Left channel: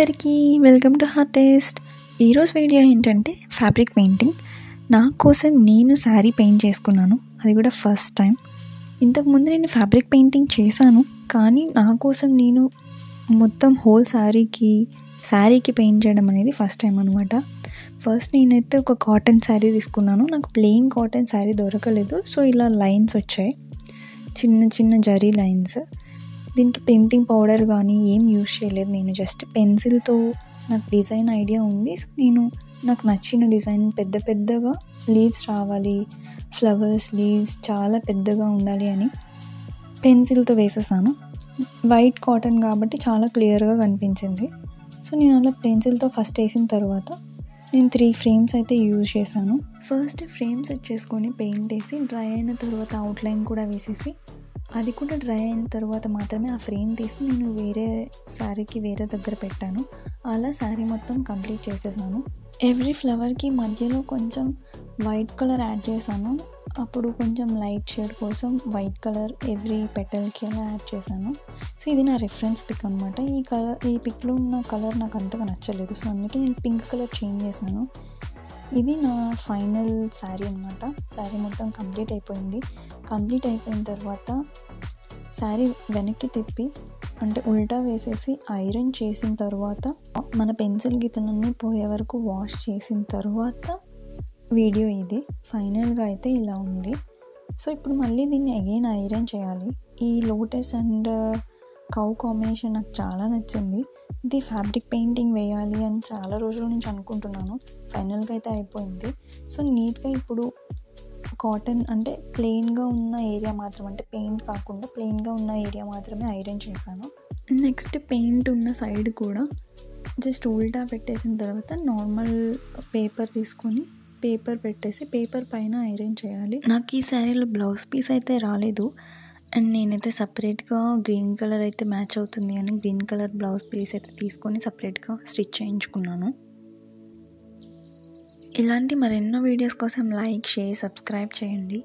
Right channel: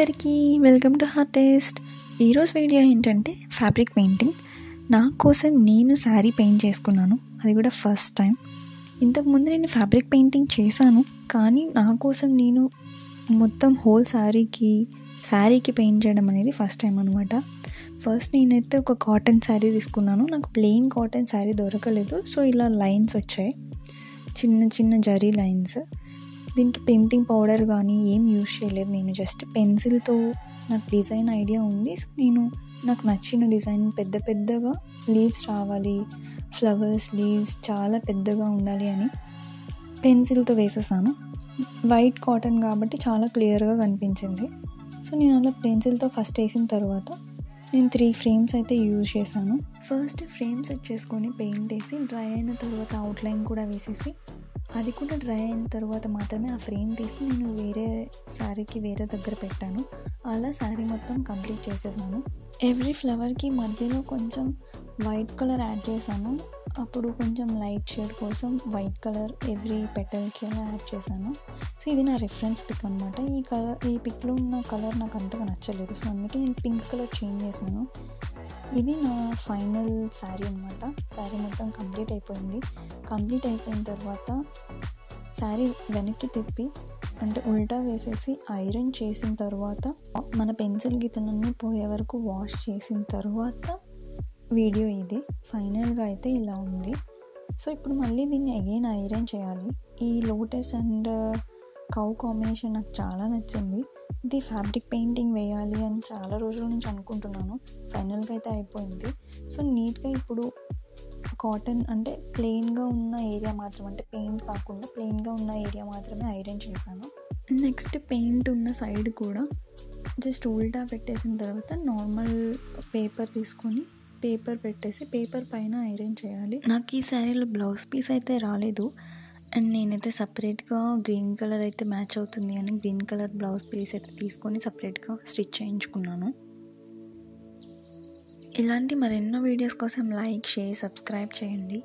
అందరికీ welcome to heart taste. ఈరోజు video ఏంటంటే ఫ్యాబ్రిక్ పెయింటింగ్. నా కోసం నేను శారీ పెయింట్ చేసుకున్నాను, అది కూడా ఫస్ట్ టైం. ఇంతకుముందు నేను ఫ్యాబ్రిక్ పెయింటింగ్ చేశాను, కానీ నా కోసం నేను మొత్తం హోల్ శారీకి పెయింట్ చేయడం అనేది ఫస్ట్ టైం అనమాట. ఫస్ట్ నేనైతే ఒక కాటన్ శారీ తీసుకున్నాను. నాకు ప్లెయిన్ కాటన్ శారీ దొరకలేదు, సో ఇలా లైన్స్ వచ్చాయి, చిన్న చిన్న జరీ లైన్స్. దీనికి ప్రింటింగ్ పౌడర్ కానీ ఏం యూజ్ చేయలేదు, నేను జస్ట్ పెన్సిల్తో నాకు డిజైన్ ఐడియా ఉంది. సో నాకు నచ్చిన డిజైన్ పెద్ద పెద్దగా లీవ్స్ రావాలి, ఫ్లవర్స్ లీవ్స్ చాలా పెద్దగా ఉండాలి అని పెన్సిల్తో వేసేసాను. వైట్ కాటన్ కాబట్టి చాలా క్లియర్గా కనిపించింది. సో నేను అలా పెన్సిల్తో ఫస్ట్ వేసిన తర్వాత నేను 3 ఫ్రేమ్స్ అయితే యూజ్ చేశాను. ఫస్ట్ ఫ్రేమ్ సెట్ చేసుకొని పెయింట్ వేసి డ్రై అయిన తర్వాత అవుట్లైన్ కూడా వేసేసి, అది కూడా డ్రై అయిన తర్వాత మాత్రమే ఆ ఫ్రేమ్ తీసి నేను వేరే శారీకి వేరే దగ్గర పెట్టాను. అలా శారీ మొత్తం కంప్లీట్ చేసేసాను. ఎవ్రీ ఫ్లవర్కి మధ్యలో కొంచెం వైట్ కలర్ యాడ్ చేశాను. అప్పుడు కొంచెం లైట్ షేడ్ కోసం వైట్ కలర్ ఎవ్రీ పెటల్కి అలా యాడ్ చేశాను. సో ఇది నా రిఫరెన్స్ పిక్ అనమాట. ఈ పిక్లో ఉన్న కలర్ నాకు అంతగా నచ్చలేదు, సో అందుకే నేను పింక్ కలర్ చేంజ్ చేశాను. ఇది నా ఫైనల్ శారీ అనమాట. శారీ మొత్తం కంప్లీట్ అయిపోయింది. కంప్లీట్ అయిపోయిన తర్వాత శారీ వెనక్కి తిప్పి అంటే ఉల్టా వేసేసి ఐరన్ చేసిన తర్వాత మన పెన్సిల్ గీతలన్నీ పోయే వరకు వాష్ చేసిన తర్వాత వీడియో ఇది. ఫైనల్గా అయితే ఇలా ఉంది. సో ఇప్పుడు మళ్ళీ దీన్ని అగైన్ ఐరన్ చేయాలి. ఈ లోటస్ అండ్ కౌ కాంబినేషన్ నాకు చాలా నచ్చింది. ఇది ఫ్యాబ్రిక్ పెయింటింగ్ వేయాలి అని చాలా రోజుల నుంచి అనుకుంటున్నాను. ఫైనల్గా అయితే అయిపోయింది. సో నీట్గా ఇప్పుడు కాటన్ అంటే ప్లెయిన్గా ఉన్న ఏరియా మాత్రం, అంటే పెయింట్ కాకుండా ప్లెయిన్గా ఉన్న ఏరియా మాత్రమే ఐరన్ చేశాను. నెక్స్ట్ పెయింట్ ఉన్న సైడ్ కూడా జస్ట్ ఉల్టా పెట్టేసిన తర్వాత నార్మల్ పేపర్ తీసుకొని పేపర్ పెట్టేసి పేపర్ పైన ఐరన్ చేయాలి. నాకు ఈ శారీలో బ్లౌజ్ పీస్ అయితే రాలేదు, అండ్ నేనైతే సపరేట్గా గ్రీన్ కలర్ అయితే మ్యాచ్ అవుతుంది అని గ్రీన్ కలర్ బ్లౌజ్ పీస్ అయితే తీసుకొని సపరేట్గా స్టిచ్ చేయించుకున్నాను. ఇలాంటి మరెన్నో వీడియోస్ కోసం లైక్, షేర్, సబ్స్క్రైబ్ చేయండి.